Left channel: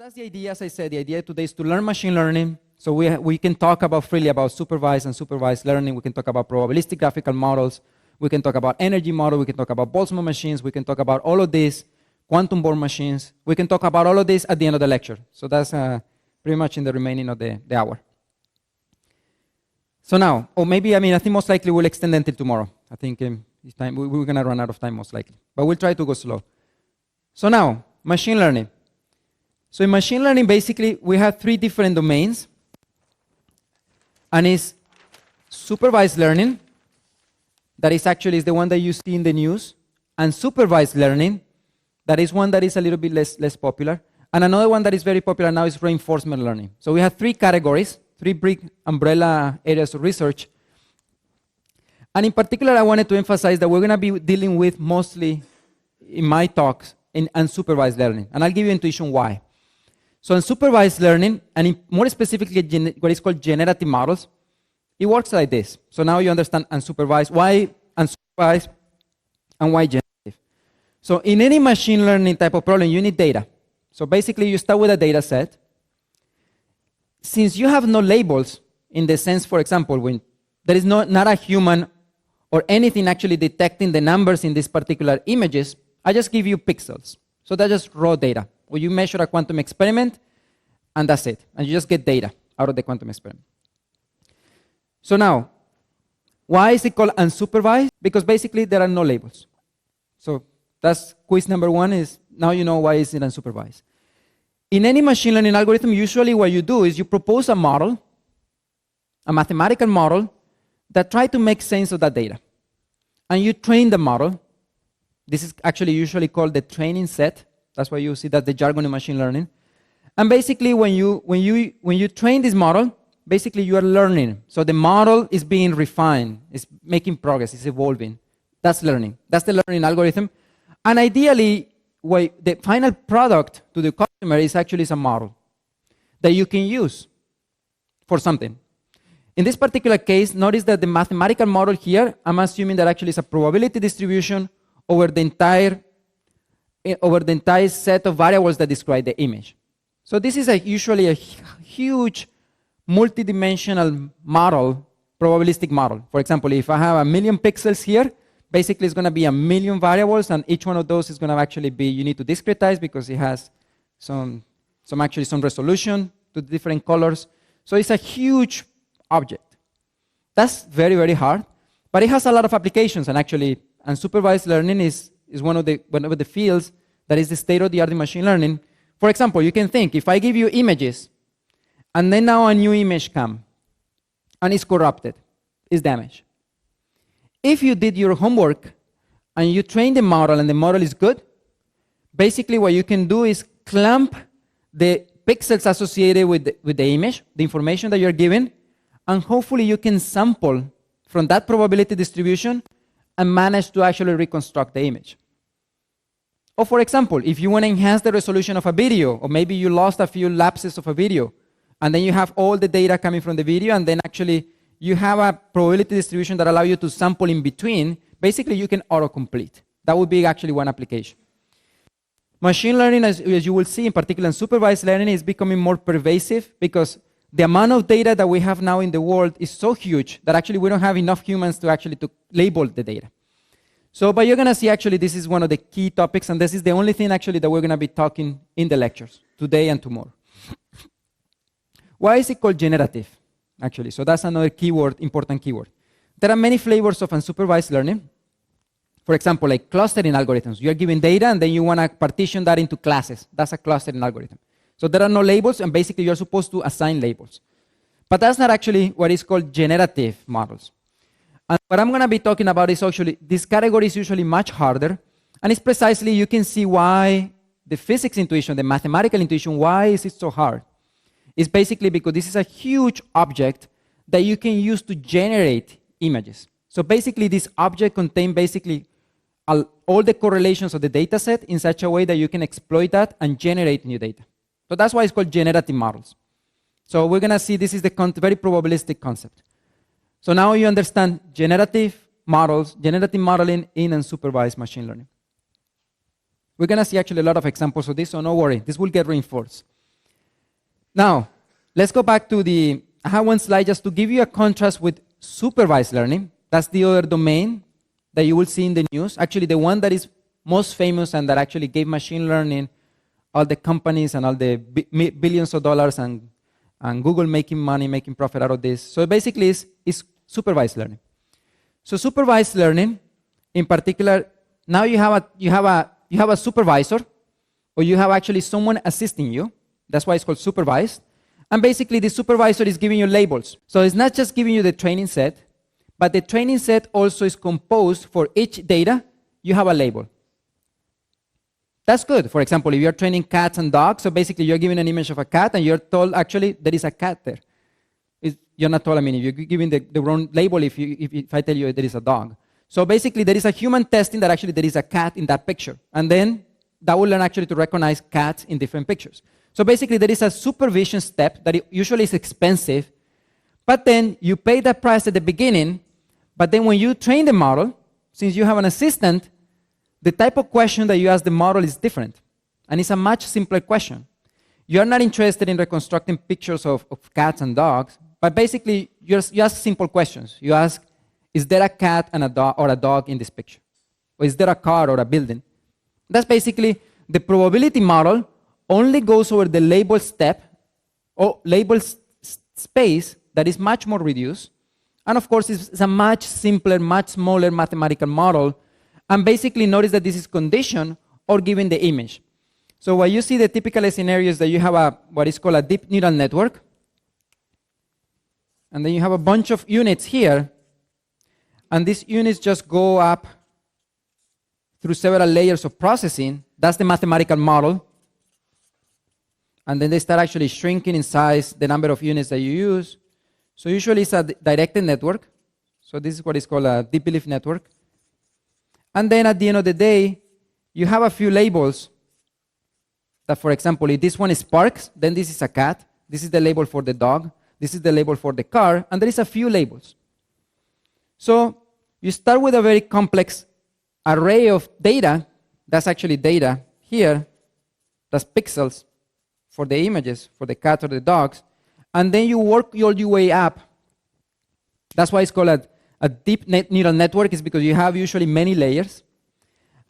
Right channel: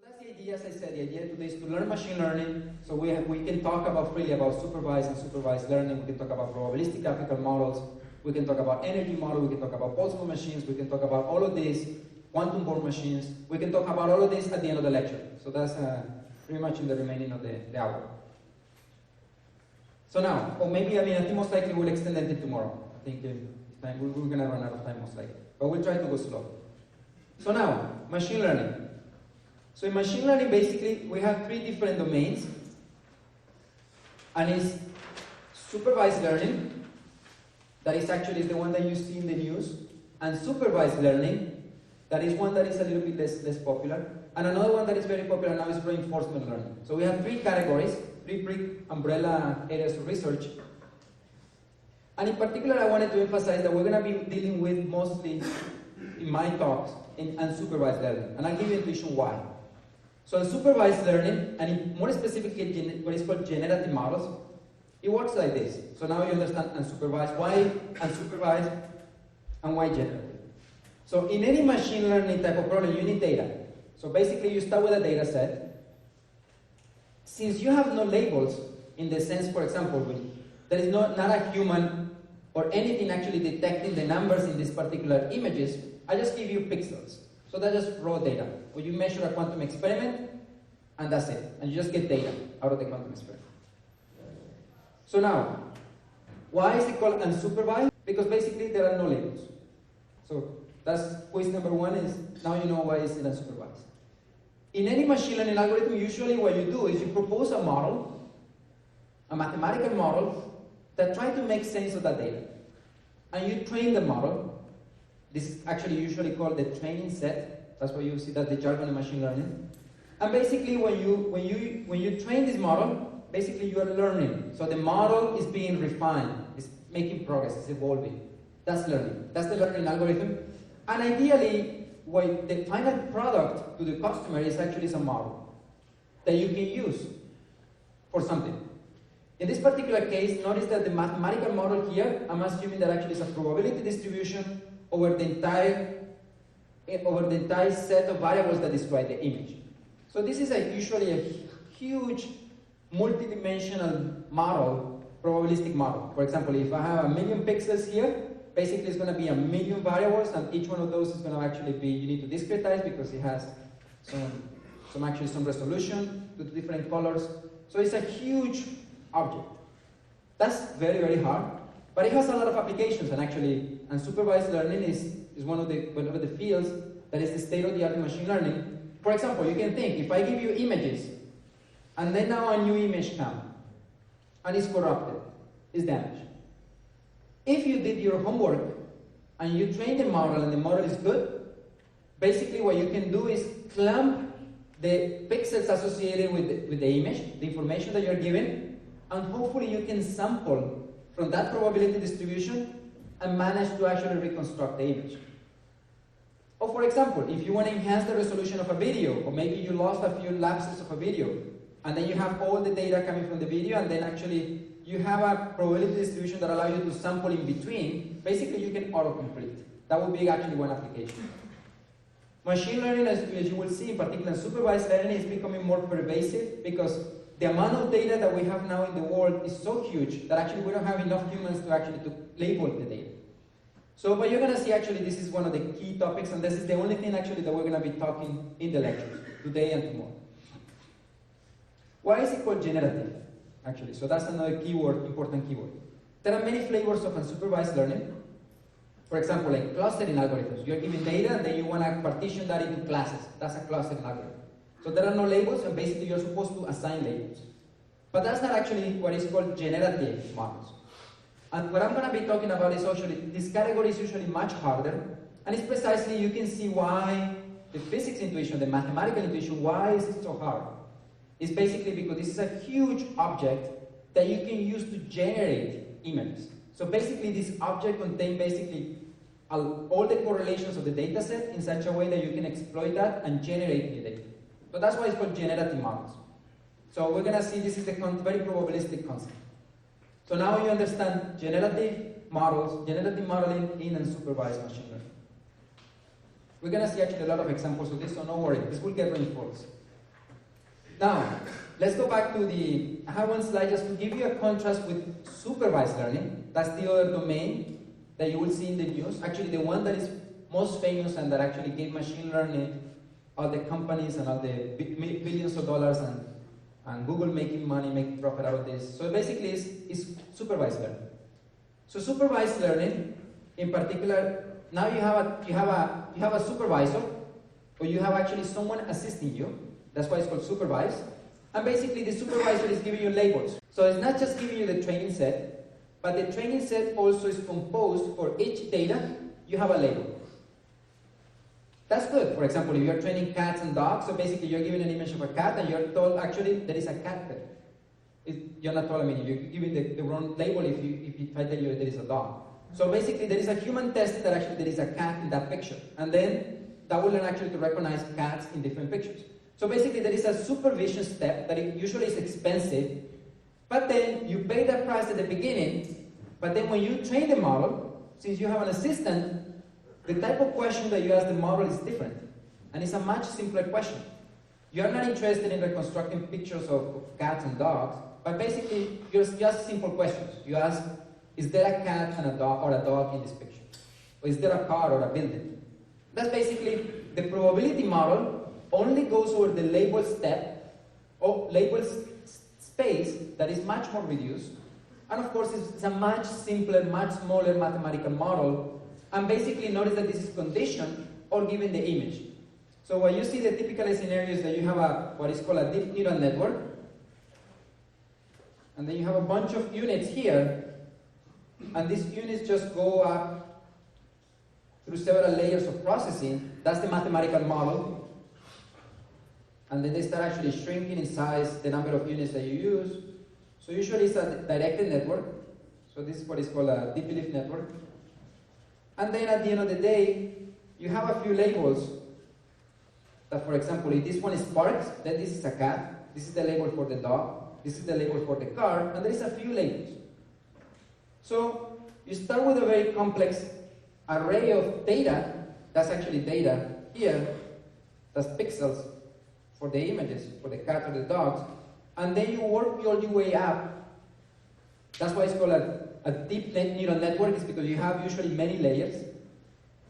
That's the idea, as I said. The idea today is to learn machine learning. So we can talk about freely about supervised and supervised learning. We can talk about probabilistic graphical models. We can talk about energy model. We can talk about Boltzmann machines. We can talk about all of this, quantum Born machines. We can talk about all of this at the end of the lecture. So that's pretty much in the remaining of the hour. So now, or maybe, I think most likely we'll extend until tomorrow. I think this time we're going to run out of time most likely. But we'll try to go slow. So now, machine learning. So in machine learning, basically, we have three different domains. And it's supervised learning. That is actually the one that you see in the news. And supervised learning. That is one that is a little bit less popular. And another one that is very popular now is reinforcement learning. So we have three categories, three big umbrella areas of research. And in particular, I wanted to emphasize that we're going to be dealing with mostly, in my talks, in unsupervised learning. And I'll give you intuition why. So unsupervised learning, and more specifically what is called generative models, it works like this. So now you understand unsupervised, why unsupervised, and why generative. So in any machine learning type of problem, you need data. So basically, you start with a data set. Since you have no labels, in the sense, for example, when there is not a human or anything actually detecting the numbers in these particular images, I just give you pixels. So that's just raw data, where you measure a quantum experiment, and that's it. And you just get data out of the quantum experiment. So now, why is it called unsupervised? Because basically, there are no labels. So that's quiz number one is, now you know why is it unsupervised. In any machine learning algorithm, usually what you do is you propose a model, a mathematical model, that try to make sense of that data. And you train the model. This is actually usually called the training set. That's why you see that the jargon in machine learning. And basically, when you train this model, basically you are learning. So the model is being refined, it's making progress, it's evolving. That's learning. That's the learning algorithm. And ideally, the final product to the customer is actually some model that you can use for something. In this particular case, notice that the mathematical model here, I'm assuming that actually is a probability distribution over the entire set of variables that describe the image. So this is usually a huge multidimensional model, probabilistic model. For example, if I have 1 million pixels here, basically it's going to be 1 million variables, and each one of those is going to actually be, you need to discretize because it has some resolution to the different colors. So it's a huge object. That's very, very hard. But it has a lot of applications, and actually, unsupervised learning is one of the fields that is the state-of-the-art in machine learning. For example, you can think, if I give you images, and then now a new image comes, and it's corrupted, it's damaged. If you did your homework, and you train the model, and the model is good, basically what you can do is clamp the pixels associated with the image, the information that you're given, and hopefully you can sample from that probability distribution and manage to actually reconstruct the image. Or for example, if you want to enhance the resolution of a video, or maybe you lost a few lapses of a video, and then you have all the data coming from the video, and then actually you have a probability distribution that allows you to sample in between, basically you can autocomplete. That would be actually one application. Machine learning, as you will see, in particular in supervised learning, is becoming more pervasive because the amount of data that we have now in the world is so huge that actually we don't have enough humans to actually label the data. So, but you're going to see actually this is one of the key topics, and this is the only thing actually that we're going to be talking in the lectures today and tomorrow. Why is it called generative, actually? So that's another keyword, important keyword. There are many flavors of unsupervised learning. For example, like clustering algorithms. You're given data, and then you want to partition that into classes. That's a clustering algorithm. So there are no labels, and basically you're supposed to assign labels. But that's not actually what is called generative models. And what I'm going to be talking about is actually, this category is usually much harder, and it's precisely, you can see why the physics intuition, the mathematical intuition, why is it so hard? It's basically because this is a huge object that you can use to generate images. So basically this object contains basically all the correlations of the data set in such a way that you can exploit that and generate new data. So that's why it's called generative models. So we're going to see this is the very probabilistic concept. So now you understand generative models, generative modeling in unsupervised machine learning. We're going to see actually a lot of examples of this, so no worry, this will get reinforced. Now, let's go back to I have one slide just to give you a contrast with supervised learning. That's the other domain that you will see in the news. Actually, the one that is most famous and that actually gave machine learning all the companies and all the billions of dollars and Google making money, making profit out of this. So basically, it's supervised learning. So supervised learning, in particular, now you have a supervisor, or you have actually someone assisting you. That's why it's called supervised. And basically, the supervisor is giving you labels. So it's not just giving you the training set, but the training set also is composed for each data. You have a label. That's good. For example, if you're training cats and dogs, so basically you're giving an image of a cat, and you're told actually there is a cat there. You're not told, I mean, you're giving the wrong label if I tell you there is a dog. So basically, there is a human testing that actually there is a cat in that picture. And then that will learn actually to recognize cats in different pictures. So basically, there is a supervision step that usually is expensive, but then you pay that price at the beginning, but then when you train the model, since you have an assistant, the type of question that you ask the model is different. And it's a much simpler question. You're not interested in reconstructing pictures of cats and dogs, but basically, you ask simple questions. You ask, is there a cat and a dog in this picture? Or is there a car or a building? That's basically the probability model only goes over the label step or label space that is much more reduced. And of course, it's a much simpler, much smaller mathematical model. And basically, notice that this is conditioned or given the image. So what you see the typical scenario is that you have what is called a deep neural network. And then you have a bunch of units here. And these units just go up through several layers of processing. That's the mathematical model. And then they start actually shrinking in size the number of units that you use. So usually it's a directed network. So this is what is called a deep belief network. And then at the end of the day, you have a few labels that, for example, if this one is Sparks, then this is a cat. This is the label for the dog. This is the label for the car. And there is a few labels. So you start with a very complex array of data. That's actually data here. That's pixels for the images, for the cat or the dogs. And then you work all your way up. That's why it's called a deep neural network, is because you have usually many layers.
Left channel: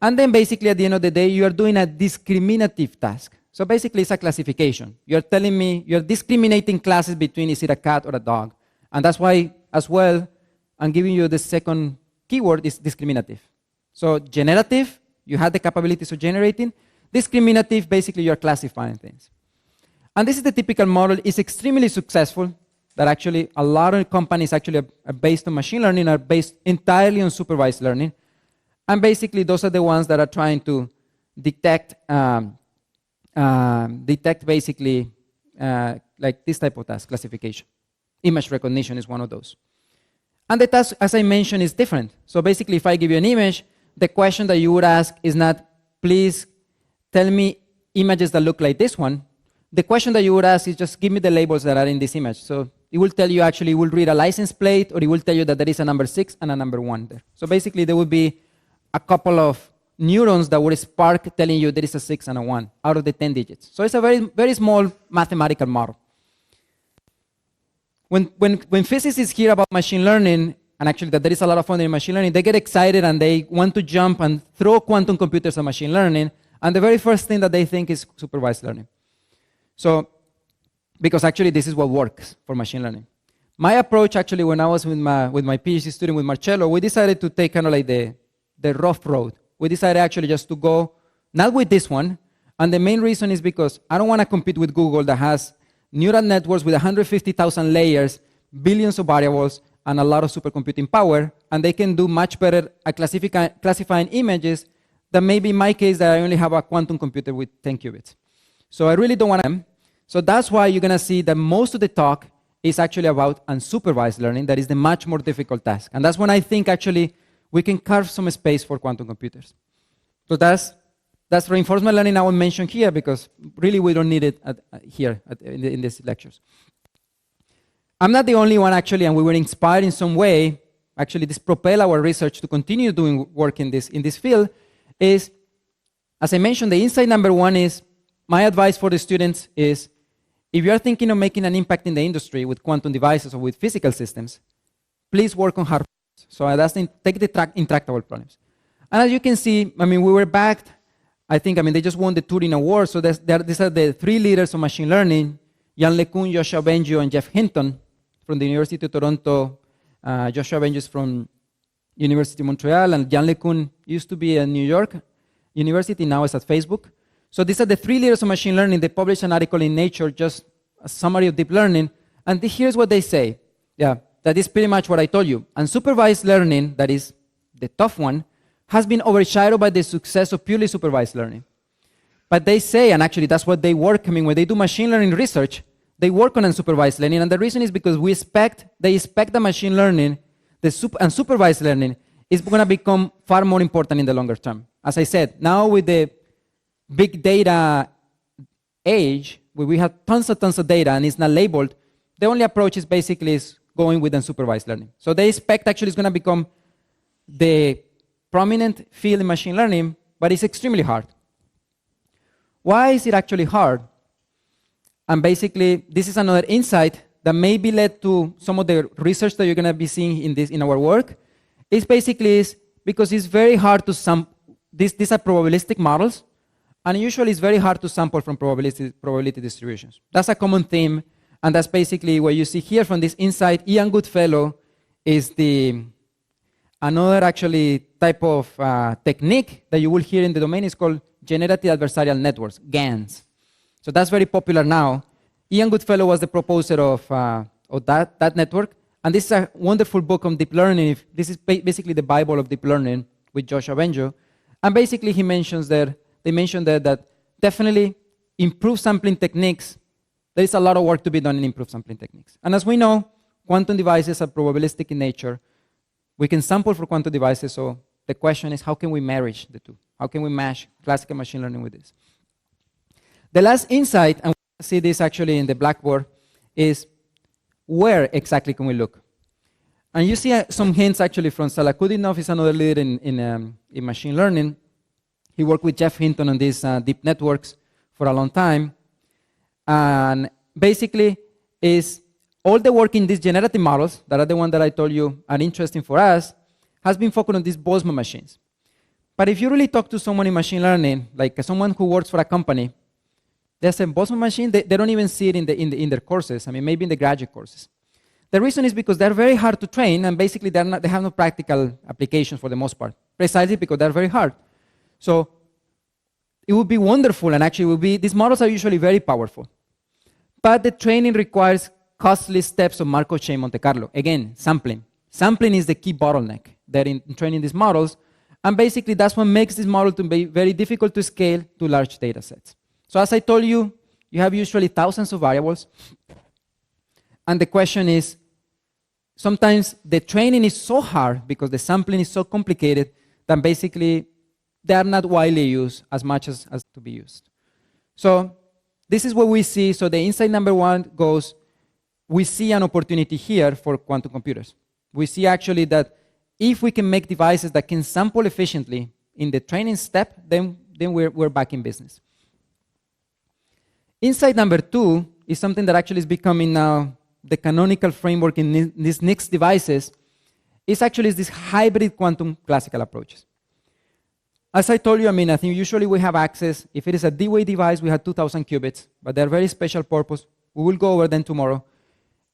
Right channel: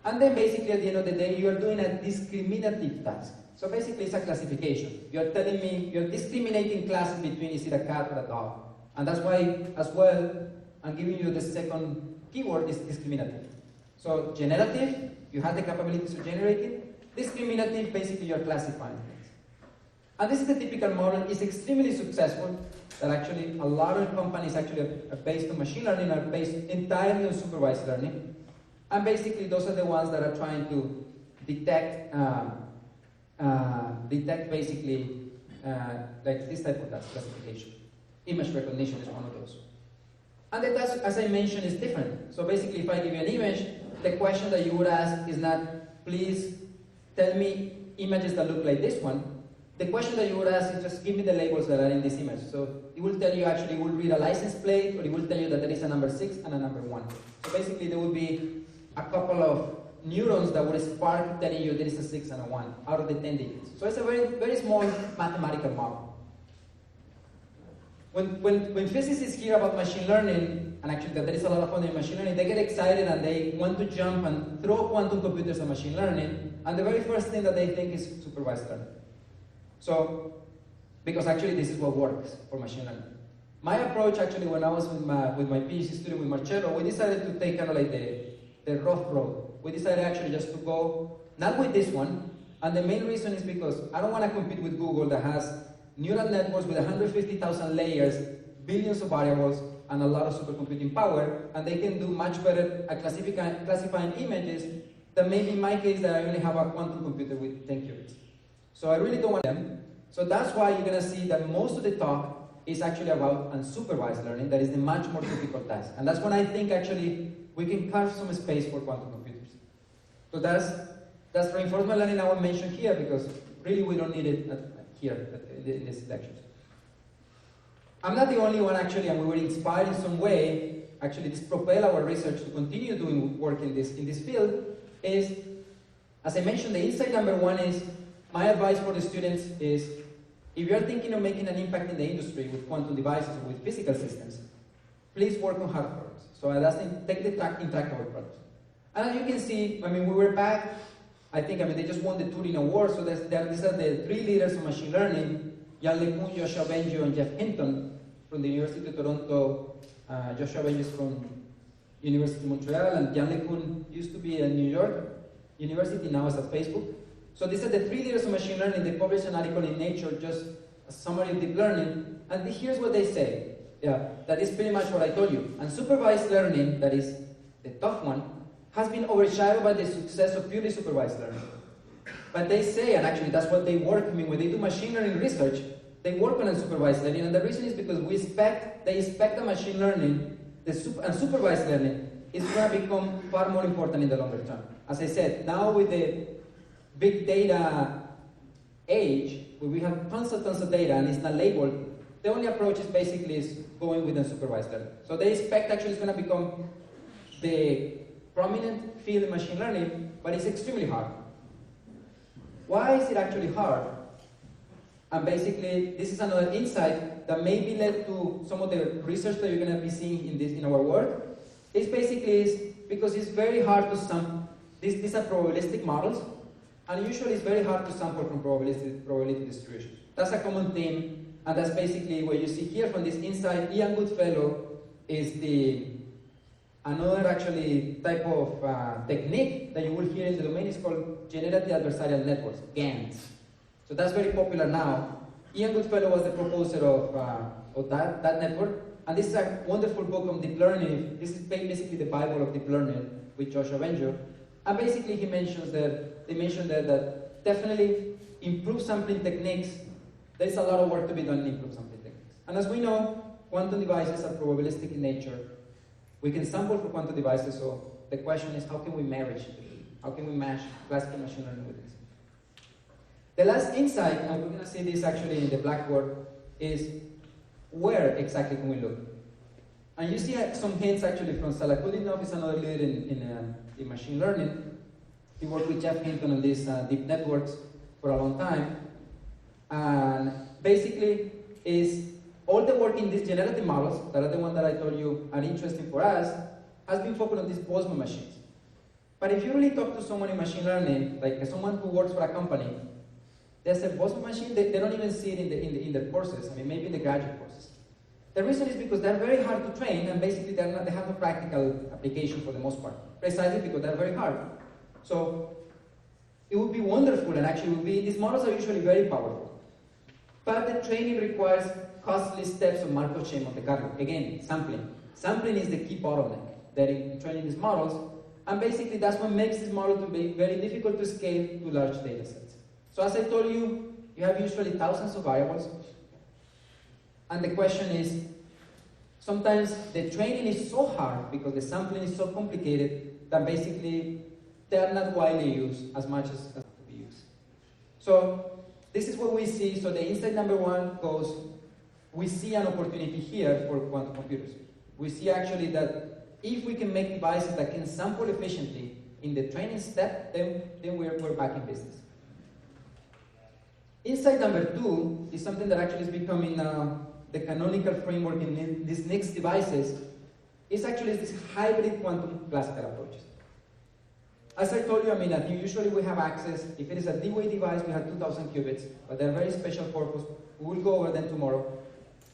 And then basically at the end of the day, you are doing a discriminative task. So basically it's a classification. You're telling me, you're discriminating classes between is it a cat or a dog. And that's why, as well, I'm giving you the second keyword is discriminative. So generative, you have the capabilities of generating. Discriminative, basically you're classifying things. And this is the typical model. It's extremely successful, that actually a lot of companies actually are based on machine learning, are based entirely on supervised learning. And basically those are the ones that are trying to detect basically like this type of task, classification. Image recognition is one of those. And the task, as I mentioned, is different. So basically, if I give you an image, the question that you would ask is not, please tell me images that look like this one. The question that you would ask is just give me the labels that are in this image. So it will tell you actually, it will read a license plate, or it will tell you that there is a number 6 and a number 1. So basically, there would be a couple of neurons that would spark telling you there is a 6 and a 1 out of the 10 digits. So it's a very, very small mathematical model. When physicists hear about machine learning, and actually that there is a lot of fun in machine learning, they get excited and they want to jump and throw quantum computers at machine learning, and the very first thing that they think is supervised learning. So, because actually this is what works for machine learning. My approach actually when I was with my PhD student, with Marcello, we decided to take kind of like the rough road. We decided actually just to go, not with this one, and the main reason is because I don't want to compete with Google that has neural networks with 150,000 layers, billions of variables, and a lot of supercomputing power, and they can do much better at classifying images than maybe in my case that I only have a quantum computer with 10 qubits. So I really don't want them. So that's why you're going to see that most of the talk is actually about unsupervised learning. That is the much more difficult task. And that's when I think actually we can carve some space for quantum computers. So that's reinforcement learning I will mention here, because really we don't need it in these lectures. I'm not the only one actually, and we were inspired in some way. Actually, this propelled our research to continue doing work in this field. Is, as I mentioned, the insight number one is, my advice for the students is if you are thinking of making an impact in the industry with quantum devices or with physical systems, please work on hard problems. So that's take the intractable problems. And as you can see, I mean, we were backed. I think, I mean, they just won the Turing Award. So these are the three leaders of machine learning: Yann LeCun, Joshua Bengio, and Jeff Hinton from the University of Toronto. Joshua Bengio is from University of Montreal, and Yann LeCun used to be at New York University, now is at Facebook. So these are the three leaders of machine learning. They published an article in Nature, just a summary of deep learning, and here's what they say. Yeah, that is pretty much what I told you. Unsupervised learning, that is the tough one, has been overshadowed by the success of purely supervised learning. But they say, and actually that's what they work, I mean, when they do machine learning research, they work on unsupervised learning, and the reason is because they expect that machine learning, the unsupervised learning, is going to become far more important in the longer term. As I said, now with the big data age, where we have tons of data and it's not labeled, the only approach is basically going with unsupervised learning. So they expect actually it's going to become the prominent field in machine learning, but it's extremely hard. Why is it actually hard? And basically, this is another insight that maybe led to some of the research that you're going to be seeing in our work. It's basically because it's very hard to these are probabilistic models, and usually it's very hard to sample from probability distributions. That's a common theme, and that's basically what you see here from this insight. Ian Goodfellow is another actually type of technique that you will hear in the domain is called generative adversarial networks, GANs. So that's very popular now. Ian Goodfellow was the proposer of that network, and this is a wonderful book on deep learning. This is basically the Bible of deep learning with Joshua Bengio, and basically they mentioned there that definitely improved sampling techniques. There is a lot of work to be done in improved sampling techniques, and as we know, quantum devices are probabilistic in nature. We can sample for quantum devices, so the question is how can we marry the two? How can we mash classical machine learning with this? The last insight, and we can see this actually in the blackboard, is where exactly can we look? And you see some hints actually from Salakudinov, is another leader in machine learning. He worked with Jeff Hinton on these deep networks for a long time. And basically is all the work in these generative models, that are the ones that I told you are interesting for us, has been focused on these Boltzmann machines. But if you really talk to someone in machine learning, like someone who works for a company, they say Boltzmann machine, they don't even see it in their courses, I mean, maybe in the graduate courses. The reason is because they're very hard to train, and basically they have no practical application for the most part, precisely because they're very hard. So it would be wonderful, and actually these models are usually very powerful. But the training requires costly steps of Markov chain Monte Carlo. Again, sampling. Sampling is the key bottleneck there in training these models, and basically that's what makes this model to be very difficult to scale to large data sets. So as I told you, you have usually thousands of variables, and the question is, sometimes the training is so hard because the sampling is so complicated that basically they are not widely used as much as to be used. So this is what we see. So the insight number one goes, we see an opportunity here for quantum computers. We see actually that if we can make devices that can sample efficiently in the training step, then we're back in business. Insight number two is something that actually is becoming now the canonical framework in these next devices. Is actually this hybrid quantum classical approaches. As I told you, I mean, I think usually we have access, if it is a D-Wave device, we have 2,000 qubits, but they're very special purpose. We will go over them tomorrow.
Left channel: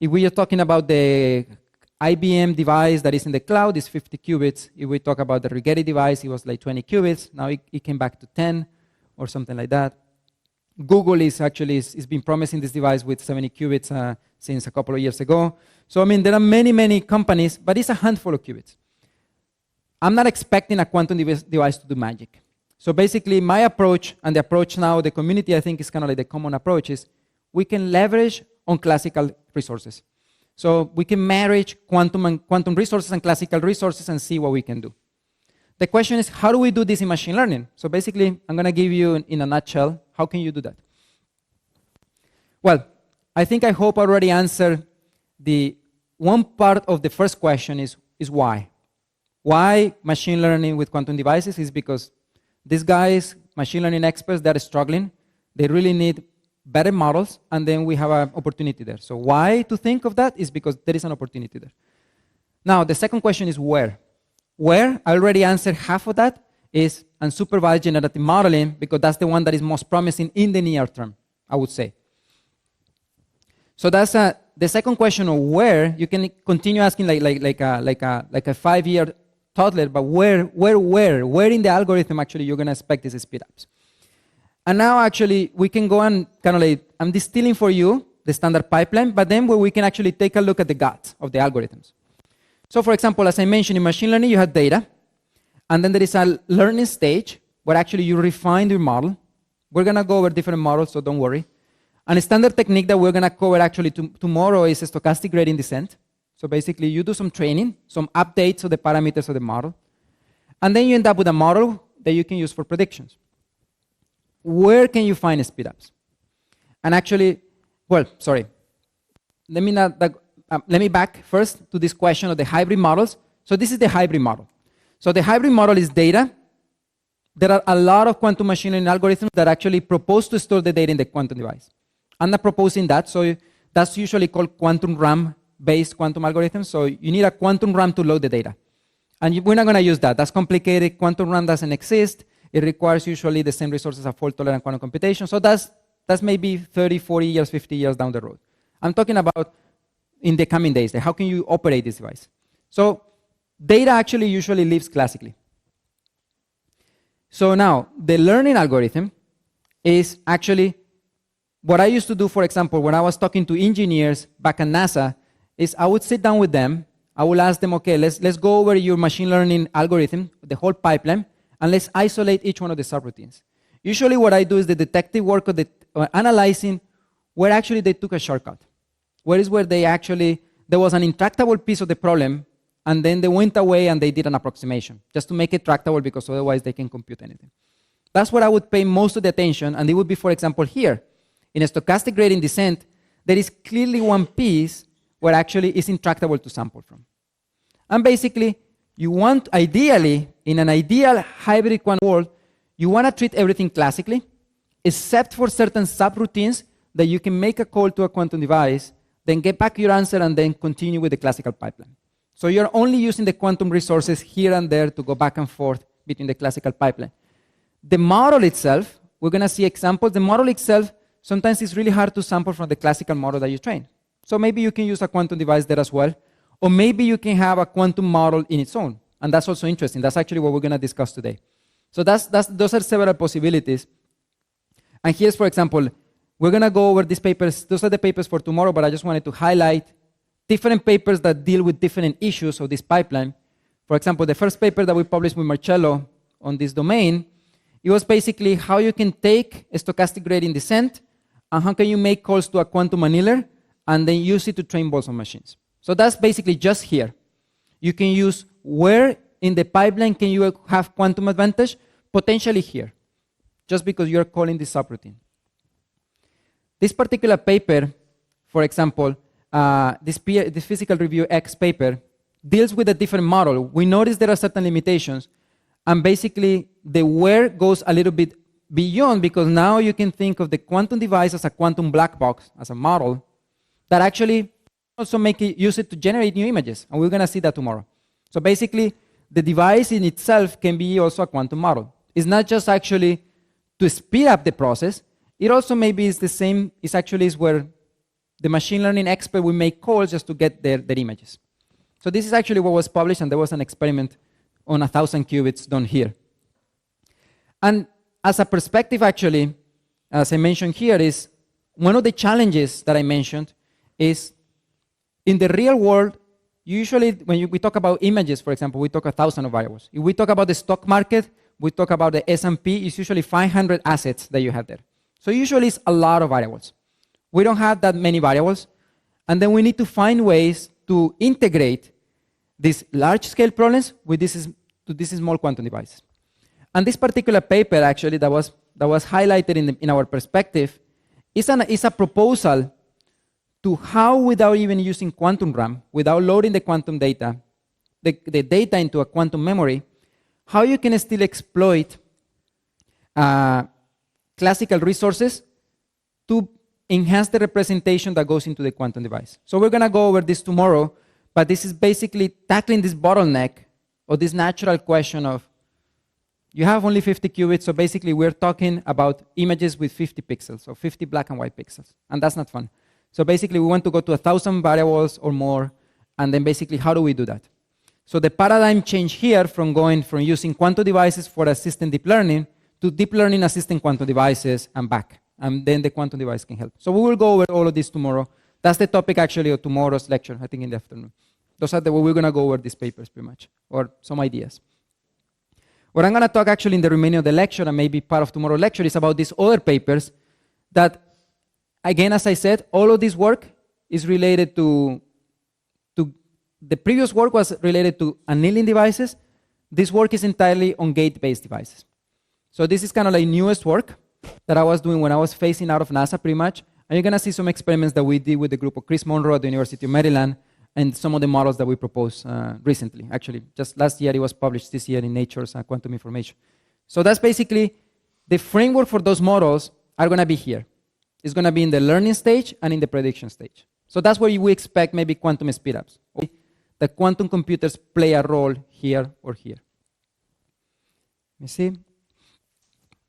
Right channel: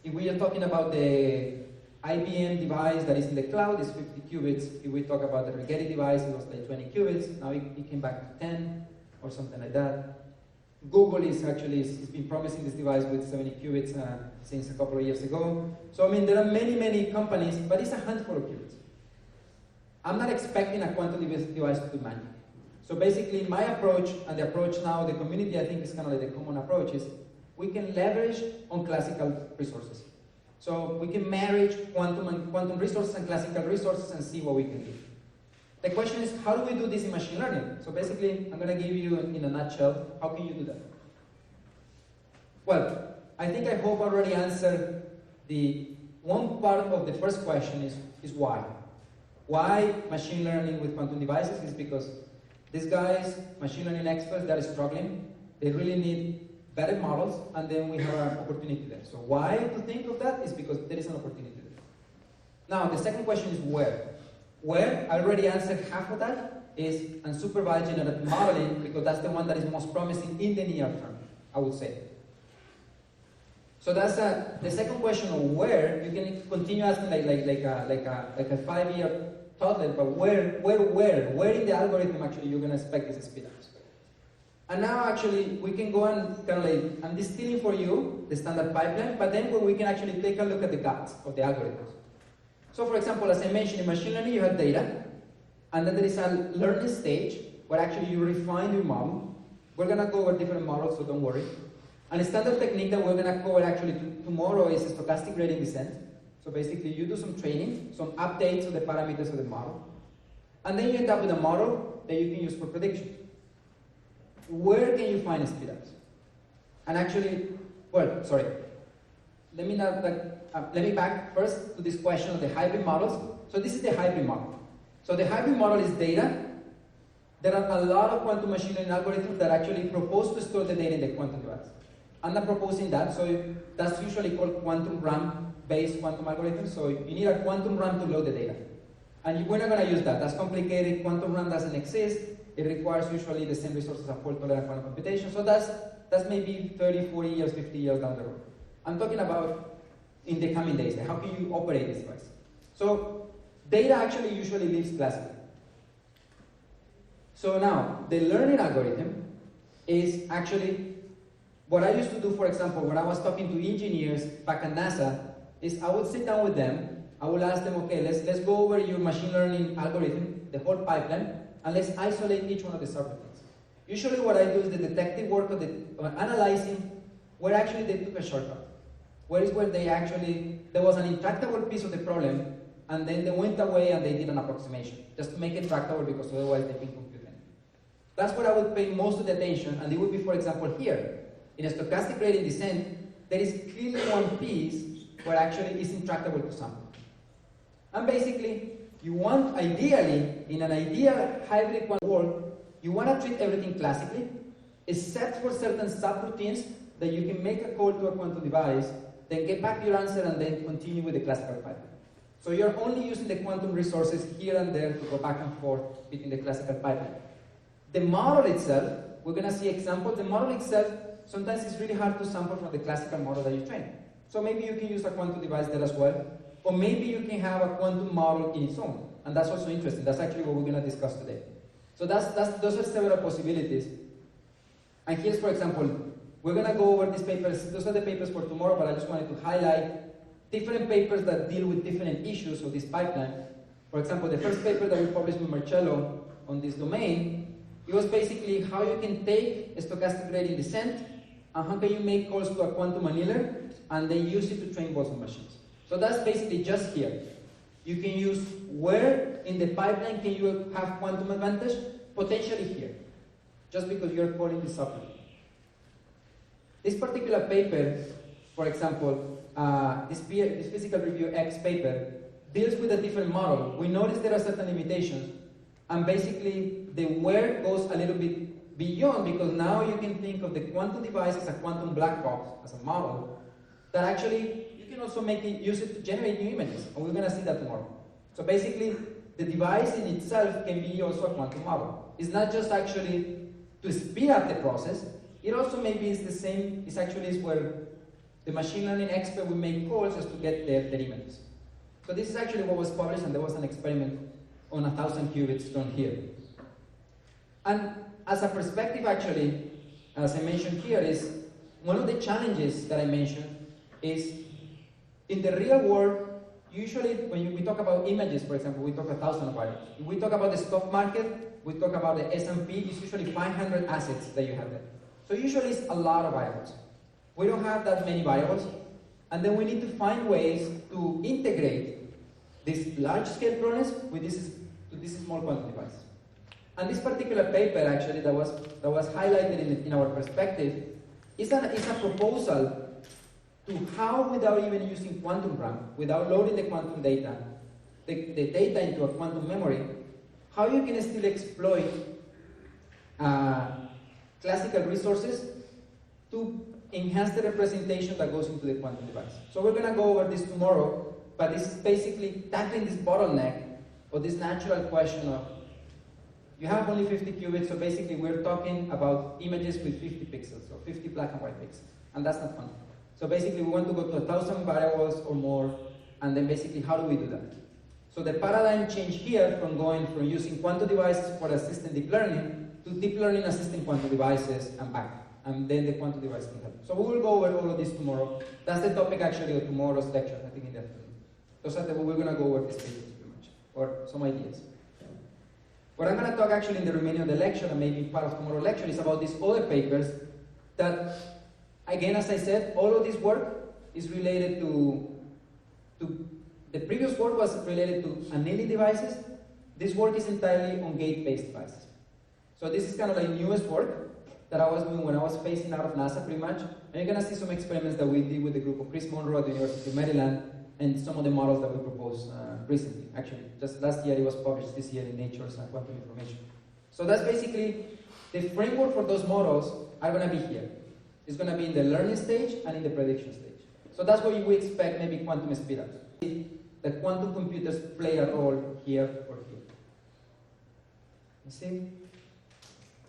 If we are talking about the IBM device that is in the cloud, it's 50 qubits. If we talk about the Rigetti device, it was like 20 qubits. Now it came back to 10 or something like that. Google is been promising this device with 70 qubits since a couple of years ago. So, I mean, there are many companies, but it's a handful of qubits. I'm not expecting a quantum device to do magic. So basically, my approach, and the approach now, the community, I think, is kind of like the common approach, is we can leverage on classical resources. So we can marry quantum resources and classical resources and see what we can do. The question is, how do we do this in machine learning? So basically, I'm going to give you, in a nutshell, how can you do that? Well, I hope I already answered the one part of the first question is why. Why machine learning with quantum devices is because these guys, machine learning experts, they're struggling. They really need better models, and then we have an opportunity there. So why to think of that is because there is an opportunity there. Now, the second question is where? Where? I already answered half of that, is unsupervised generative modeling, because that's the one that is most promising in the near term, I would say. So that's the second question of where. You can continue asking like a 5-year toddler, but where in the algorithm actually you're going to expect these speedups? And now actually we can go and kind of like, I'm distilling for you the standard pipeline, but then where we can actually take a look at the guts of the algorithms. So for example, as I mentioned, in machine learning you have data, and then there is a learning stage where actually you refine your model. We're going to go over different models, so don't worry. And a standard technique that we're going to cover actually tomorrow is a stochastic gradient descent. So basically you do some training, some updates of the parameters of the model, and then you end up with a model that you can use for predictions. Where can you find speedups? And actually, well, sorry. Let me back first to this question of the hybrid models. So this is the hybrid model. So the hybrid model is data. There are a lot of quantum machine learning algorithms that actually propose to store the data in the quantum device. I'm not proposing that, so that's usually called quantum RAM-based quantum algorithms. So you need a quantum RAM to load the data. And we're not going to use that. That's complicated. Quantum RAM doesn't exist. It requires usually the same resources as fault-tolerant quantum computation. So that's maybe 30, 40 years, 50 years down the road. I'm talking about in the coming days. How can you operate this device? So data actually usually lives classically. So now, the learning algorithm is actually what I used to do, for example, when I was talking to engineers back at NASA, is I would sit down with them, I will ask them, okay, let's go over your machine learning algorithm, the whole pipeline, and let's isolate each one of the subroutines. Usually what I do is the detective work of analyzing where actually they took a shortcut. Where is where there was an intractable piece of the problem, and then they went away and they did an approximation, just to make it tractable, because otherwise they can compute anything. That's what I would pay most of the attention, and it would be, for example, here. In a stochastic gradient descent, there is clearly one piece where actually it's intractable to sample from. And basically, you want, ideally, in an ideal hybrid quantum world, you want to treat everything classically, except for certain subroutines that you can make a call to a quantum device, then get back your answer, and then continue with the classical pipeline. So you're only using the quantum resources here and there to go back and forth between the classical pipeline. The model itself, we're going to see examples. The model itself, sometimes it's really hard to sample from the classical model that you train. So maybe you can use a quantum device there as well, or maybe you can have a quantum model in its own. And that's also interesting. That's actually what we're going to discuss today. So those are several possibilities. And here's, for example, we're going to go over these papers. Those are the papers for tomorrow, but I just wanted to highlight different papers that deal with different issues of this pipeline. For example, the first paper that we published with Marcello on this domain, it was basically how you can take a stochastic gradient descent and how can you make calls to a quantum annealer and then use it to train Boltzmann machines. So that's basically just here. You can use where in the pipeline can you have quantum advantage? Potentially here, just because you're calling this subroutine. This particular paper, for example, this Physical Review X paper deals with a different model. We notice there are certain limitations, and basically the where goes a little bit beyond, because now you can think of the quantum device as a quantum black box, as a model, that actually you can also use it to generate new images, and we're going to see that tomorrow. So basically, the device in itself can be also a quantum model. It's not just actually to speed up the process, it also maybe is the same, it actually is where the machine learning expert will make calls just to get their images. So this is actually what was published, and there was an experiment on 1,000 qubits done here. And as a perspective, actually, as I mentioned here, is one of the challenges that I mentioned is in the real world, usually when we talk about images, for example, we talk 1,000 variables. If we talk about the stock market, we talk about the S&P, it's usually 500 assets that you have there. So usually it's a lot of variables. We don't have that many variables, and then we need to find ways to integrate these large-scale problems with these small quantum devices. And this particular paper, actually, that was highlighted in our perspective, is a proposal to how, without even using quantum RAM, without loading the quantum data, the data into a quantum memory, how you can still exploit classical resources to enhance the representation that goes into the quantum device. So we're going to go over this tomorrow, but this is basically tackling this bottleneck or this natural question of, you have only 50 qubits, so basically we're talking about images with 50 pixels, or 50 black and white pixels, and that's not fun. So basically we want to go to 1,000 variables or more, and then basically how do we do that? So the paradigm change here from going from using quantum devices for assisting deep learning to deep learning assisting quantum devices and back, and then the quantum device can help. So we will go over all of this tomorrow. That's the topic actually of tomorrow's lecture, I think in the afternoon. Those are the way we're going to go over these papers pretty much, or some ideas. What I'm going to talk actually in the remaining of the lecture and maybe part of tomorrow's lecture is about these other papers that, again, as I said, all of this work is related to the previous work was related to annealing devices. This work is entirely on gate-based devices. So this is kind of like newest work that I was doing when I was phasing out of NASA pretty much. And you're going to see some experiments that we did with the group of Chris Monroe at the University of Maryland and some of the models that we proposed recently. Actually, just last year it was published, this year in Nature's Quantum Information. So that's basically the framework for those models are going to be here. It's going to be in the learning stage and in the prediction stage. So that's where we expect maybe quantum speedups. The quantum computers play a role here or here. You see?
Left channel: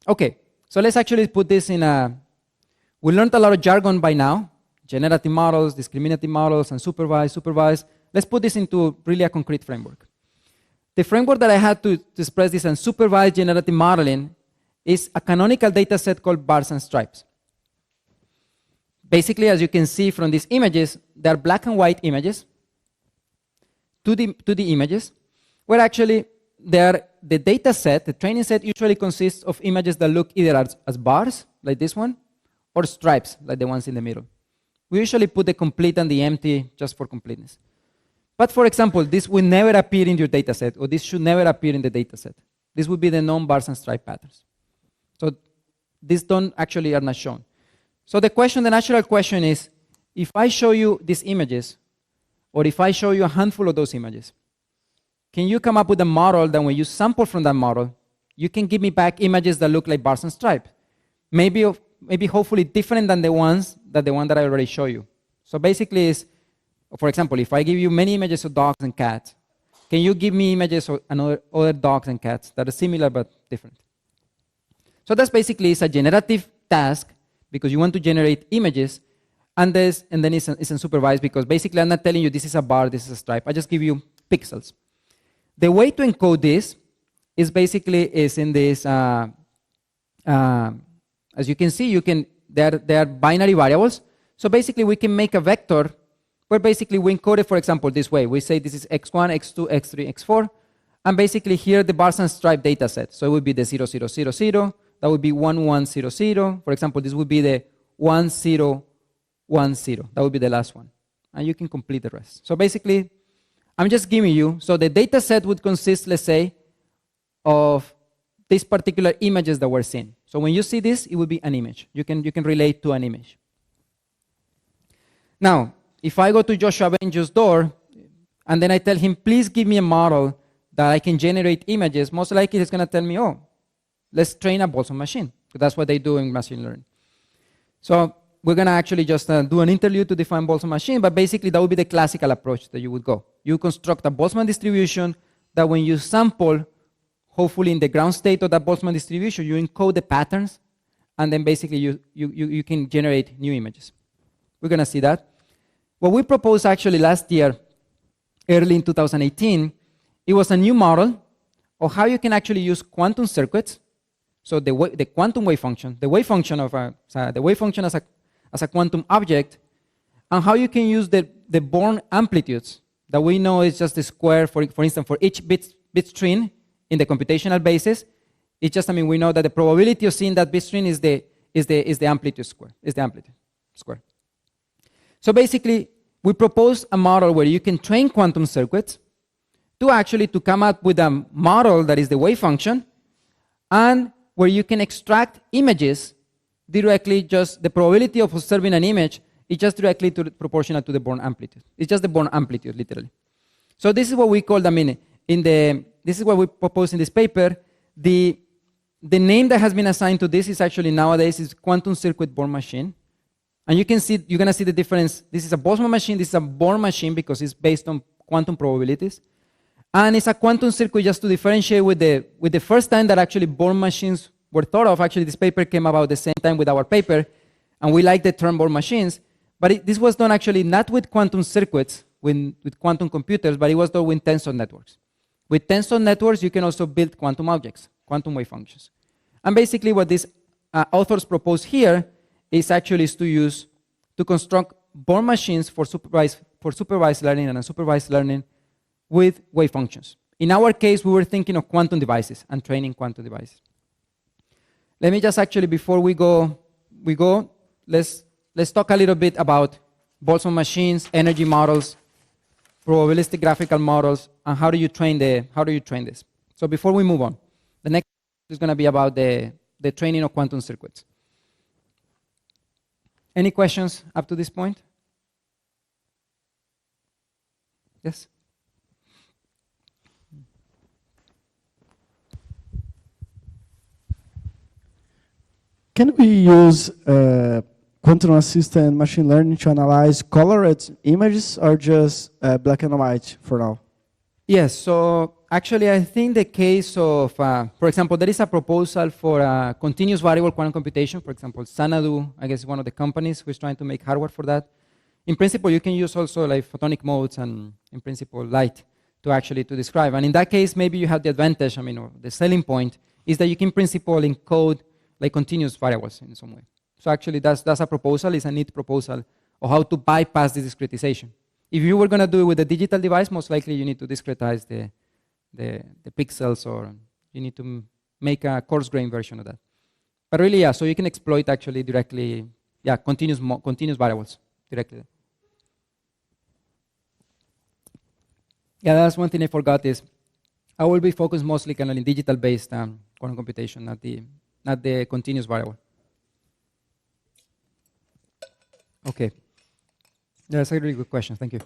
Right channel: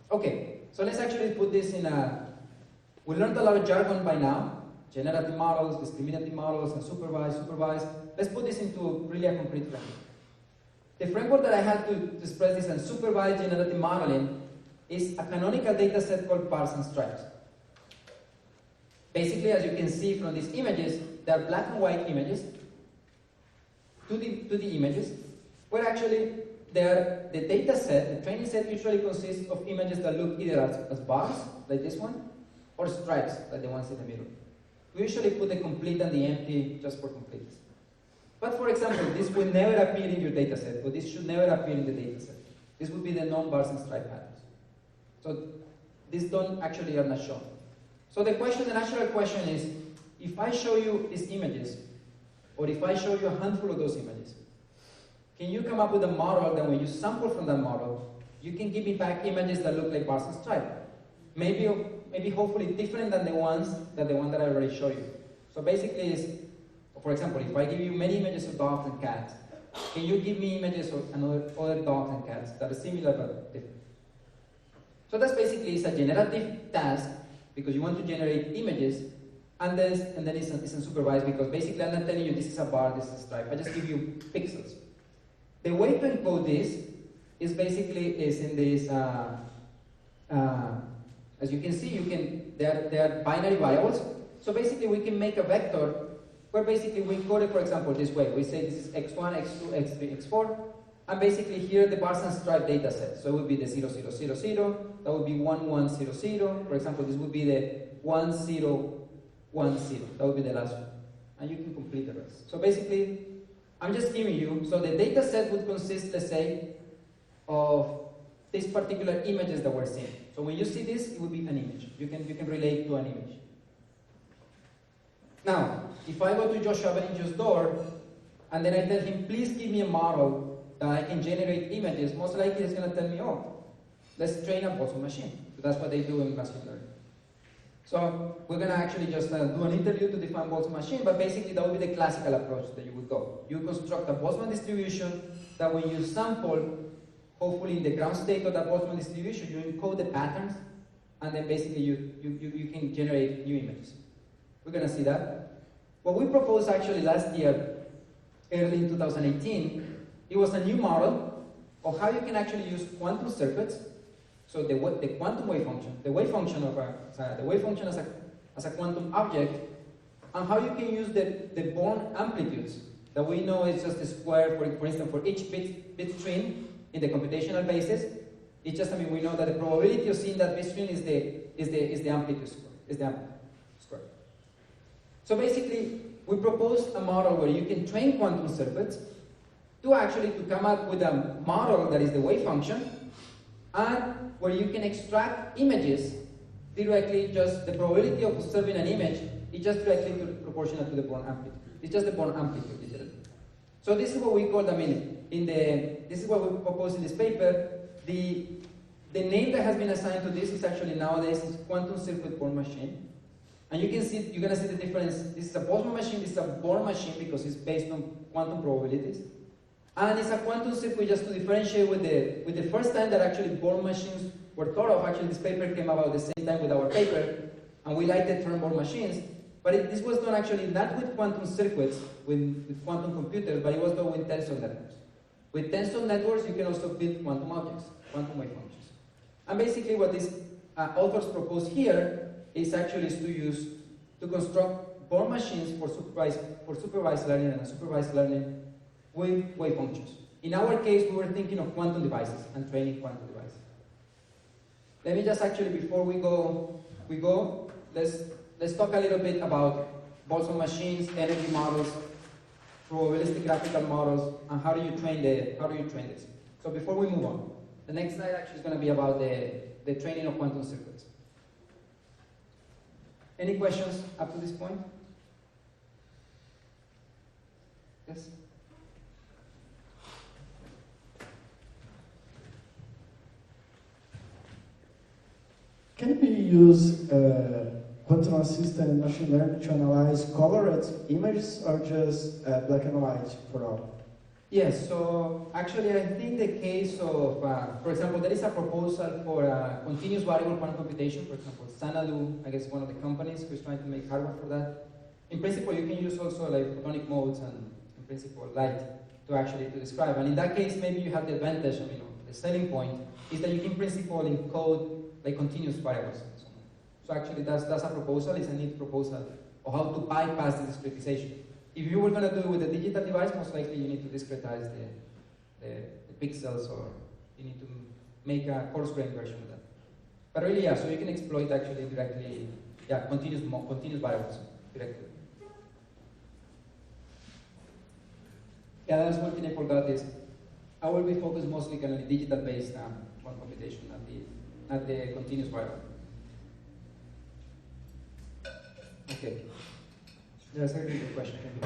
Okay, so let's actually put this in a, we learned a lot of jargon by now, generative models, discriminative models, and supervised. Let's put this into really a concrete framework. The framework that I had to express this unsupervised generative modeling is a canonical data set called bars and stripes. Basically, as you can see from these images, they are black and white images, 2D images, where actually the data set, the training set usually consists of images that look either as bars, like this one, or stripes, like the ones in the middle. We usually put the complete and the empty just for completeness. But for example, this will never appear in your data set, or this should never appear in the data set. This would be the non-bars and stripe patterns. So these actually are not shown. So the natural question is, if I show you these images, or if I show you a handful of those images, can you come up with a model that when you sample from that model, you can give me back images that look like bars and stripe? Maybe hopefully different than the one that I already showed you. So basically is, for example, if I give you many images of dogs and cats, can you give me images of other dogs and cats that are similar but different? So that's basically is a generative task because you want to generate images, and then it's unsupervised because basically I'm not telling you this is a bar, this is a stripe. I just give you pixels. The way to encode this is basically in this, as you can see, they are binary variables. So basically we can make a vector where basically we encode it, for example, this way. We say this is x1, x2, x3, x4. And basically here the bars and stripe data set. So it would be the 0, 0, 0, 0. That would be 1, 1, 0, 0. For example, this would be the 1, 0, 1, 0. That would be the last one. And you can complete the rest. So basically, I'm just giving you, so the data set would consist, let's say, of these particular images that we're seeing. So when you see this, it would be an image. You can relate to an image. Now, if I go to Joshua Benjo's door, and then I tell him, please give me a model that I can generate images, most likely he's going to tell me, oh, let's train a Boltzmann machine. Because that's what they do in machine learning. So we're going to actually just do an interlude to define Boltzmann machine, but basically that would be the classical approach that you would go. You construct a Boltzmann distribution that when you sample, hopefully in the ground state of that Boltzmann distribution, you encode the patterns, and then basically you can generate new images. We're going to see that. What we proposed actually last year, early in 2018, it was a new model of how you can actually use quantum circuits. So the quantum wave function, the wave function as a quantum object, and how you can use the Born amplitudes that we know is just the square, for instance, for each bit string in the computational basis. It's just, we know that the probability of seeing that bit string is the amplitude square. So basically, we proposed a model where you can train quantum circuits to come up with a model that is the wave function, and where you can extract images directly, just the probability of observing an image is just directly proportional to the Born amplitude. It's just the Born amplitude, literally. So this is what we call this is what we propose in this paper. The name that has been assigned to this is actually nowadays is quantum circuit Born machine. And you're gonna see the difference. This is a Boltzmann machine, this is a Born machine because it's based on quantum probabilities. And it's a quantum circuit just to differentiate with the first time that actually Born machines were thought of. Actually, this paper came about the same time with our paper, and we like the term Born machines. But this was done actually not with quantum circuits, with quantum computers, but it was done with tensor networks. With tensor networks, you can also build quantum objects, quantum wave functions. And basically what these authors propose here is actually to construct Born machines for supervised learning and unsupervised learning with wave functions. In our case, we were thinking of quantum devices and training quantum devices. Let me just actually, before we go, let's talk a little bit about Boltzmann machines, energy models, probabilistic graphical models, and how do you train this? So before we move on, the next slide is going to be about the training of quantum circuits. Any questions up to this point? Yes? Can we use quantum-assisted machine learning to analyze colored images or just black and white for now? Yes, so actually I think the case of, for example, there is a proposal for continuous variable quantum computation. For example, Xanadu, I guess, one of the companies who is trying to make hardware for that. In principle, you can use also like photonic modes and, in principle, light to describe. And in that case, maybe you have the advantage, or the selling point is that you can, in principle, encode like continuous variables in some way. So actually, that's a proposal. It's a neat proposal of how to bypass the discretization. If you were going to do it with a digital device, most likely you need to discretize the pixels, or you need to make a coarse-grained version of that. But really, yeah, so you can exploit actually directly, yeah, continuous variables directly. Yeah, that's one thing I forgot is I will be focused mostly kind of in digital-based quantum computation, not the continuous variable. Okay. That's a really good question. Thank you.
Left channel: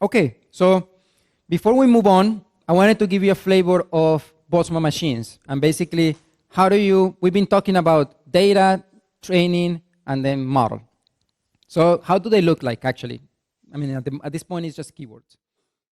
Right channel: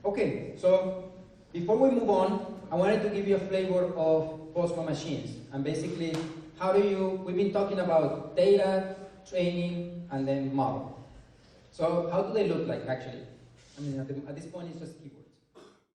Okay, so before we move on, I wanted to give you a flavor of Boltzmann machines. And basically, we've been talking about data, training, and then model. So how do they look like, actually? At this point, it's just keywords.